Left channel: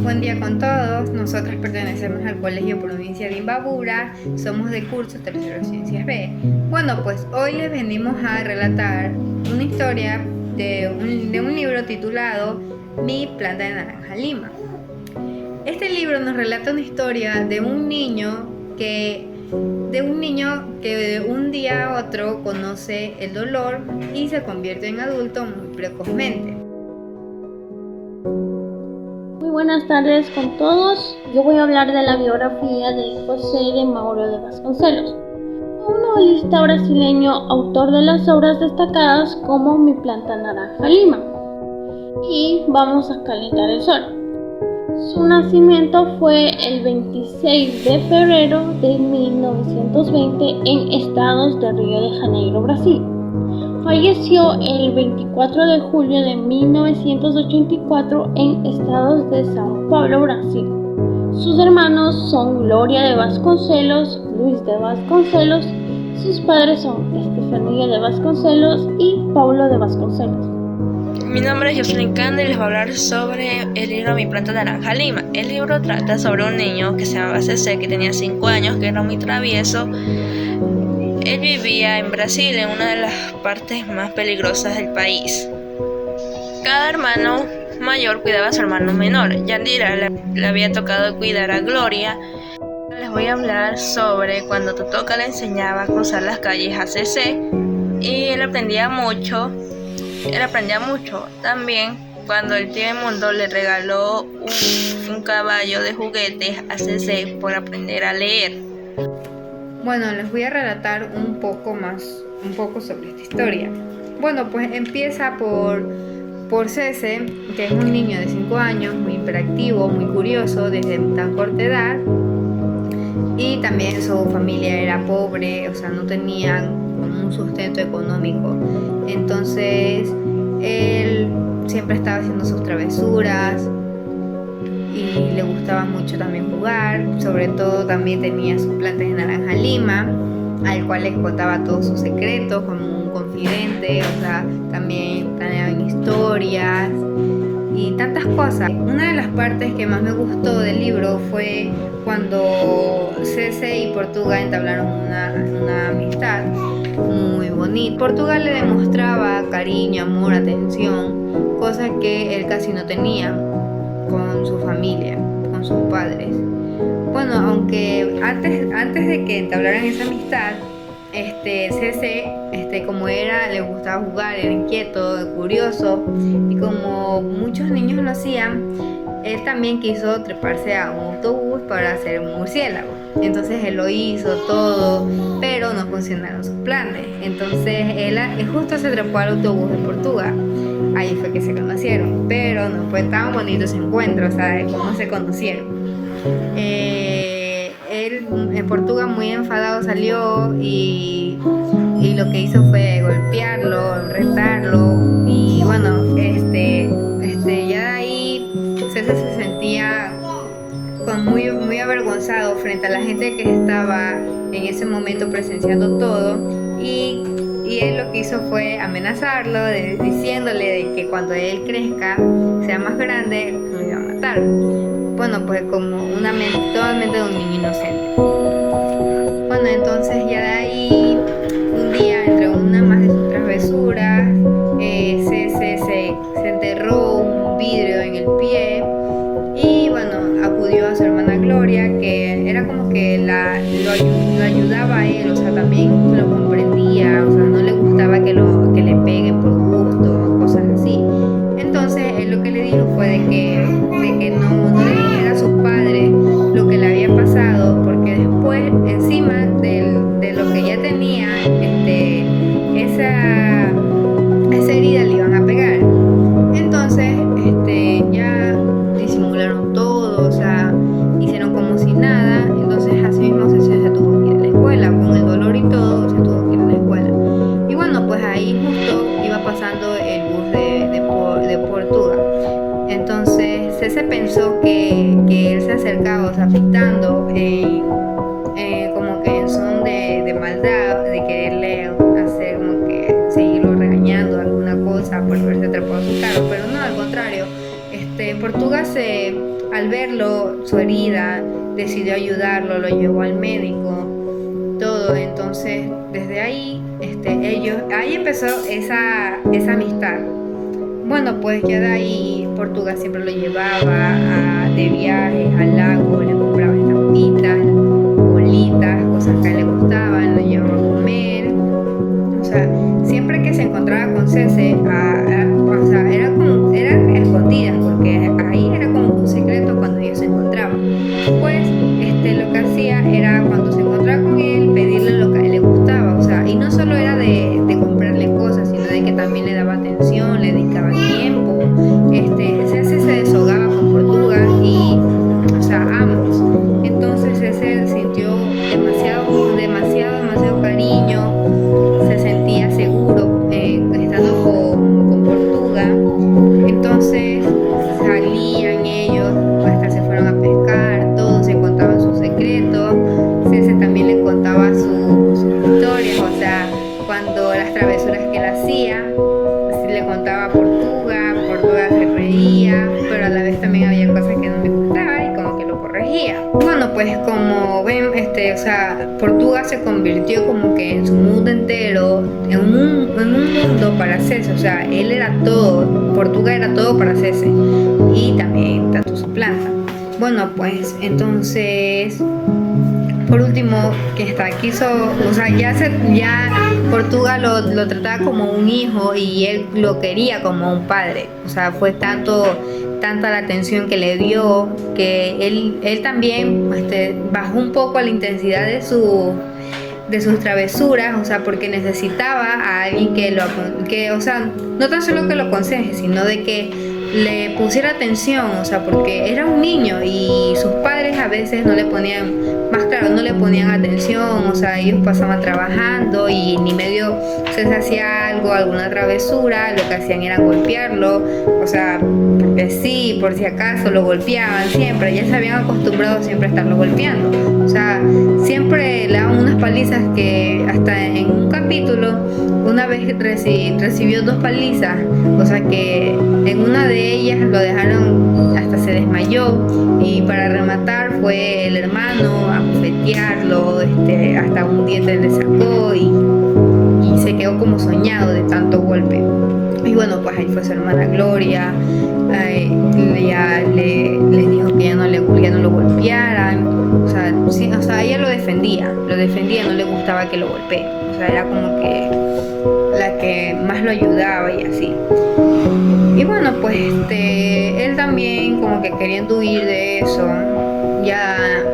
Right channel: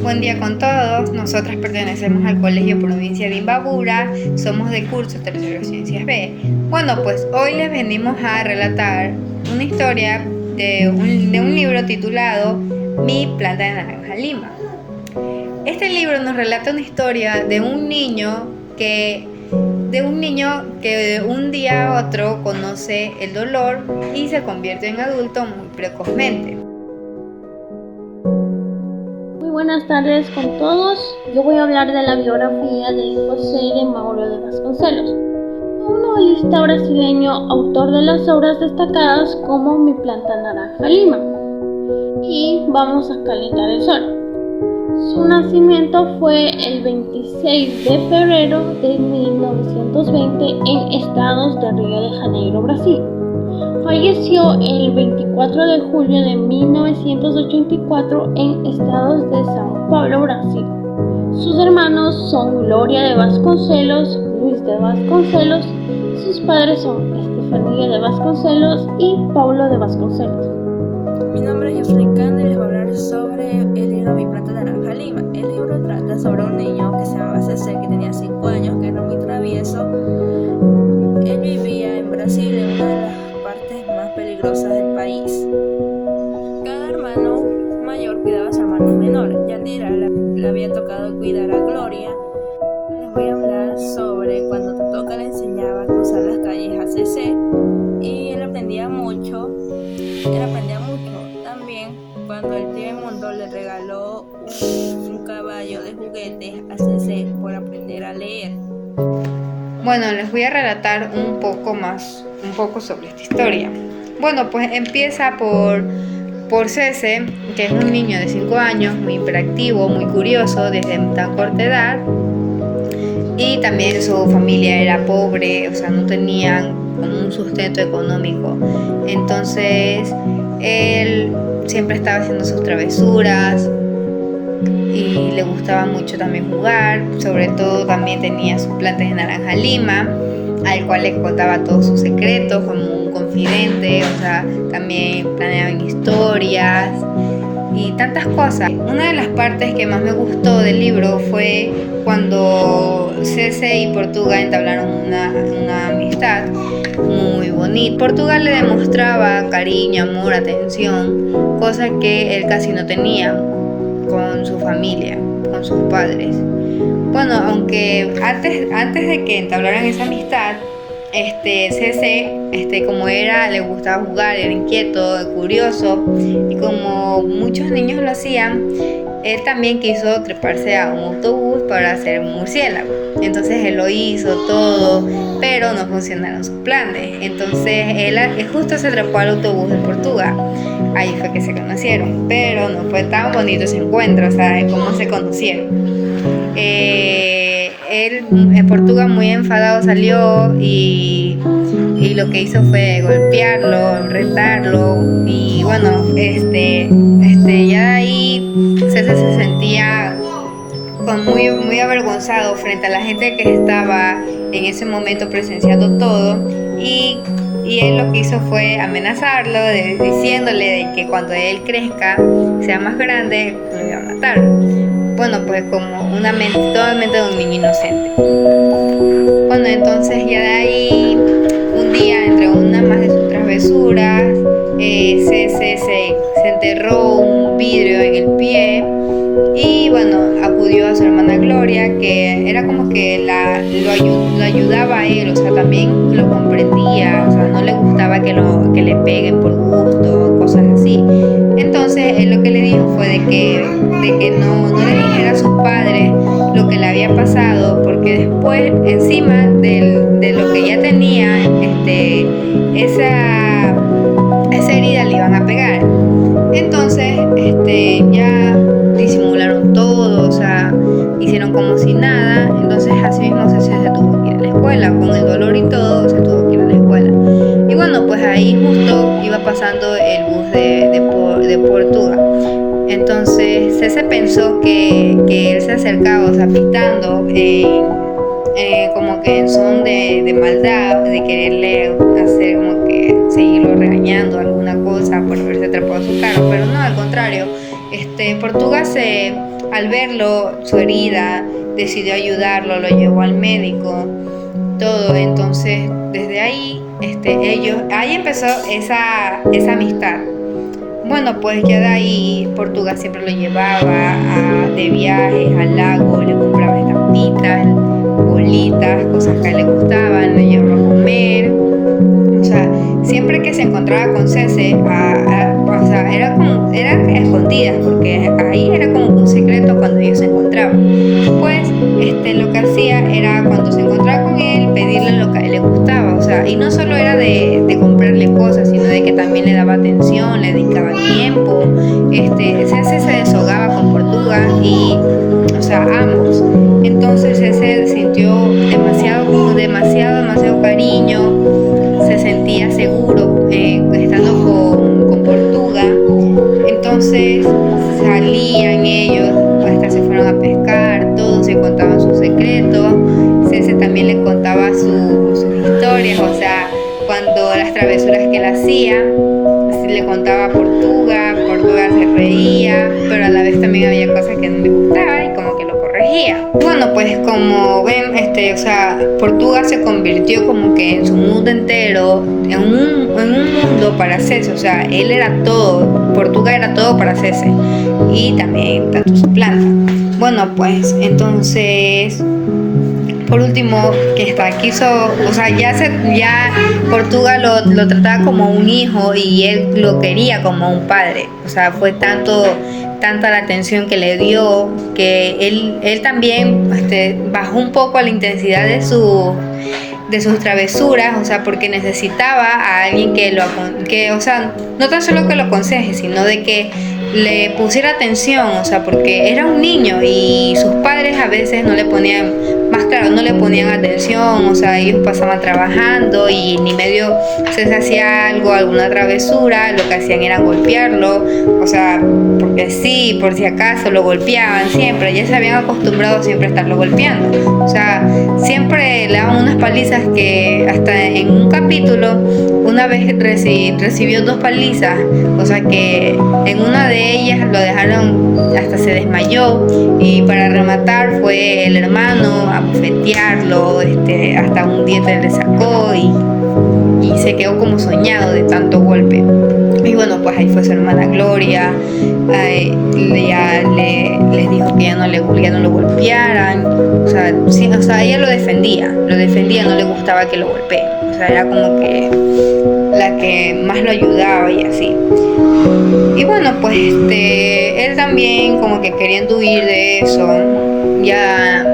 Buen día con todos. Nosotras pertenecemos al Colegio Provincia de Imbabura. Somos de curso Tercero Ciencias B. Bueno, pues hoy les venimos a relatar una historia de un libro titulado Mi planta de naranja lima. Este libro nos relata una historia de un niño que de un día a otro conoce el dolor y se convierte en adulto muy precozmente. Muy buenas tardes con todos. Yo voy a hablar de la biografía de José de Mauro de Vasconcelos, un novelista brasileño, autor de las obras destacadas como Mi planta naranja lima y Vamos a calentar el sol. Su nacimiento fue el 26 de febrero de 1920 en Estados de Río de Janeiro, Brasil. Falleció el 24 de julio de 1984 en Estados de São Paulo, Brasil. Sus hermanos son Gloria de Vasconcelos, Luis de Vasconcelos. Sus padres son Estefanía de Vasconcelos y Paulo de Vasconcelos. Mi nombre es Jocelyn Canda y les voy a hablar sobre el libro Mi planta naranja lima. El libro trata sobre un niño que se llamaba CC, que tenía 5 años, que era muy travieso. Él vivía en Brasil, en una de las partes más peligrosas del país. Cada hermano mayor cuidaba a su hermano menor. Yandira le había tocado cuidar a Gloria. Les voy a hablar sobre cuando Totoka le enseñaba a cruzar las calles a CC y él aprendía mucho. También cuando el tío Mundo le regaló un caballo de juguetes a CC por aprender a leer. Bueno, les voy a relatar un poco sobre esta historia. Bueno, pues empieza por Cece, que es un niño de 5 años, muy hiperactivo, muy curioso desde tan corta edad. Y también su familia era pobre, o sea, no tenían como un sustento económico. Entonces, él siempre estaba haciendo sus travesuras y le gustaba mucho también jugar. Sobre todo también tenía sus plantas de naranja lima, al cual le contaba todos sus secretos como un confidente. O sea, también planeaban historias y tantas cosas. Una de las partes que más me gustó del libro fue cuando Cece y Portuga entablaron una amistad muy bonita. Portuga le demostraba cariño, amor, atención, cosas que él casi no tenía con su familia, con sus padres. Bueno, aunque antes de que entablaran esa amistad, Cece, como le gustaba jugar, era inquieto, curioso, y como muchos niños lo hacían, él también quiso treparse a un autobús para hacer un murciélago. Entonces él lo hizo todo, pero no funcionaron sus planes. Entonces él justo se trepó al autobús de Portugal. Ahí fue que se conocieron, pero no fue tan bonito ese encuentro, o sea, de cómo se conocieron. Él en Portugal muy enfadado salió y lo que hizo fue golpearlo, retarlo, y bueno, ya de ahí César se sentía muy avergonzado frente a la gente que estaba en ese momento presenciando todo, y él lo que hizo fue amenazarlo, diciéndole de que cuando él crezca, sea más grande, lo iba a matar. Bueno, pues como totalmente de un niño inocente. Bueno, entonces ya de ahí, un día, entre una más de sus travesuras, se enterró un vidrio en el pie y bueno, acudió a su hermana Gloria, que era como que lo ayudaba a él, o sea, también lo comprendía, o sea, no le gustaba que le peguen por gusto, cosas así. Entonces él lo que le dijo fue de que no le dijera a sus padres lo que le había pasado, porque después, encima de lo que ya tenía, esa herida le iban a pegar. Entonces ya disimularon todo, o sea, hicieron como si nada. Entonces así mismo se tuvo que ir a la escuela, con el dolor y todo, se tuvo que ir a la escuela. Y bueno, pues ahí justo iba pasando el bus de Portugal. Entonces Cece pensó que él se acercaba, o sea, pitando, como que en son de maldad, de quererle hacer como que seguirlo regañando alguna cosa por haberse atrapado a su carro, pero no, al contrario. Portuga se al verlo, su herida, decidió ayudarlo, lo llevó al médico, todo. Entonces, desde ahí, ahí empezó esa amistad. Bueno, pues ya de ahí Portuga siempre lo llevaba de viajes al lago, le compraba estampitas, bolitas, cosas que a él le gustaban, lo llevaba a comer. O sea, siempre que se encontraba con Cece, o sea, eran escondidas, porque ahí era como un secreto cuando ellos se encontraban. Pues lo que hacía era, cuando se encontraba con él, pedirle lo que a él le gustaba. O sea, y no solo era de comprarle cosas, sino de que también le daba atención, le dedicaba tiempo. Cece se desahogaba con Portuga y, o sea, ambos. Entonces Cece sintió demasiado cariño, se sentía seguro estando con Portuga. Entonces salían ellos, hasta se fueron a pescar, todos se contaban sus secretos. Cece también le contaba sus historias, o sea, cuando las travesuras que él hacía, así le contaba a Portuga se reía, pero a la vez también había cosas que no le gustaba y como que lo corregía. Bueno, pues como ven, o sea, Portuga se convirtió como que en su mundo entero, en un mundo para Cece. O sea, él era todo, Portuga era todo para Cece, y también tanto su planta. Bueno, pues entonces, por último, que quiso, o sea, ya Portuga lo trataba como un hijo y él lo quería como un padre. O sea, fue tanta la atención que le dio, que él también bajó un poco la intensidad de sus travesuras, o sea, porque necesitaba a alguien o sea, no tan solo que lo aconseje, sino de que le pusiera atención, o sea, porque era un niño y sus padres a veces no le ponían atención. O sea, ellos pasaban trabajando y ni medio se hacía alguna travesura, lo que hacían era golpearlo, o sea, porque sí, por si acaso lo golpeaban siempre, ya se habían acostumbrado siempre a estarlo golpeando. O sea, siempre le daban unas palizas que hasta en un capítulo una vez recibió 2 palizas, o sea que en una de ellas lo dejaron, hasta se desmayó, y para rematar fue el hermano a bofetearlo, hasta un diente le sacó y se quedó como soñado de tanto golpe. Y bueno, pues ahí fue su hermana Gloria, ya les dijo que ya no lo golpearan. O sea, sí, o sea, ella lo defendía, no le gustaba que lo golpeen. O sea, era como que la que más lo ayudaba y así. Y bueno, pues él también, como que queriendo huir de eso, ya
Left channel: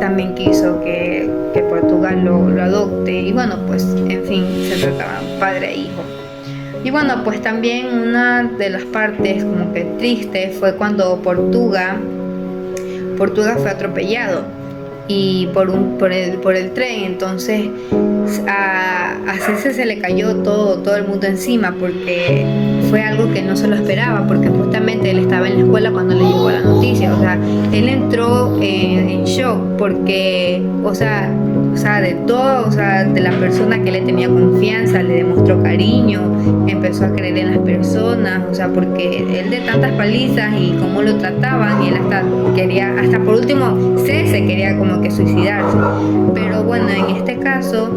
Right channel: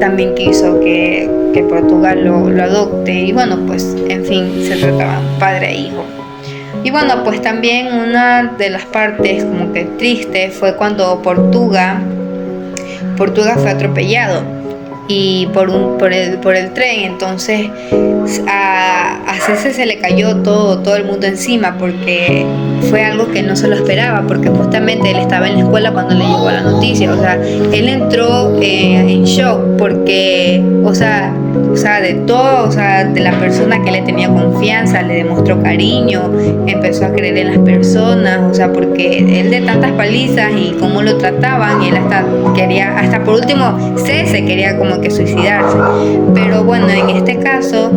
también quiso que Portugal lo adopte. Y bueno, pues en fin, se trataban padre e hijo. Y bueno, pues también una de las partes como que triste fue cuando Portuga fue atropellado y por el tren. Entonces a Cece se le cayó todo el mundo encima, porque fue algo que no se lo esperaba, porque justamente él estaba en la escuela cuando le llegó la noticia. O sea, él entró en shock, porque o sea, de todo, o sea, de la persona que le tenía confianza, le demostró cariño, empezó a creer en las personas, o sea, porque él, de tantas palizas y cómo lo trataban, él hasta por último Cece quería como que suicidarse. Pero bueno, en este caso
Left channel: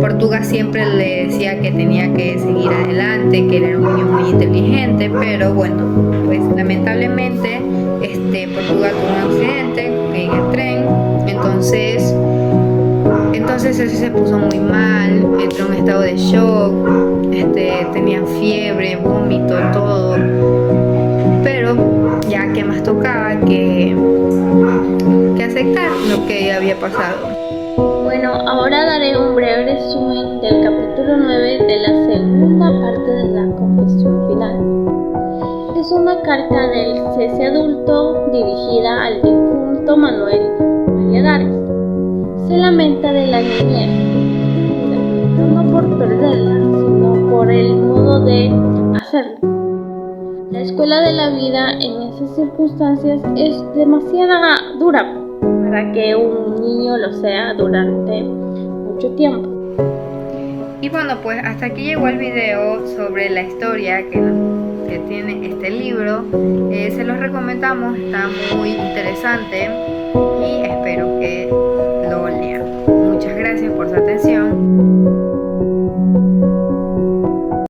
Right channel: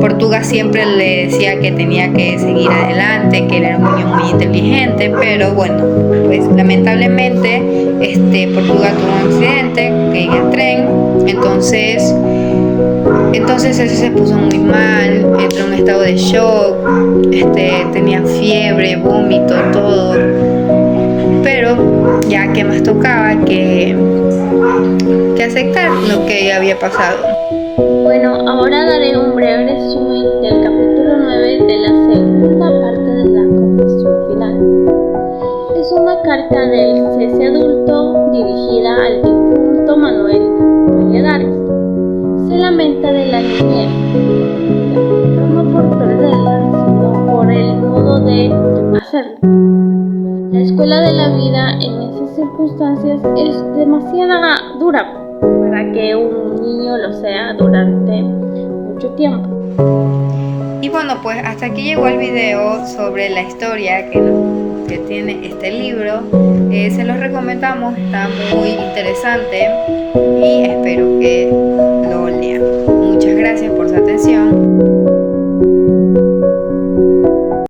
Portuga siempre le decía que tenía que seguir adelante, que él era un niño muy inteligente. Pero bueno, pues lamentablemente Portuga tuvo un accidente en el tren. Entonces él se puso muy mal, entró en un estado de shock, tenía fiebre, vómito, todo. Pero ya que más tocaba que aceptar lo que había pasado. Bueno, ahora daré un breve resumen del capítulo 9 de la segunda parte de la confesión final. Es una carta del Cece adulto dirigida al difunto Manuel Valladares. Se lamenta de la niñez, pero no por perderla, sino por el modo de hacerlo. La escuela de la vida en esas circunstancias es demasiado dura para que un niño lo sea durante mucho tiempo. Y bueno, pues hasta aquí llegó el video sobre la historia que nos que tiene este libro. Se los recomendamos, está muy interesante y espero que lo lean. Muchas gracias por su atención.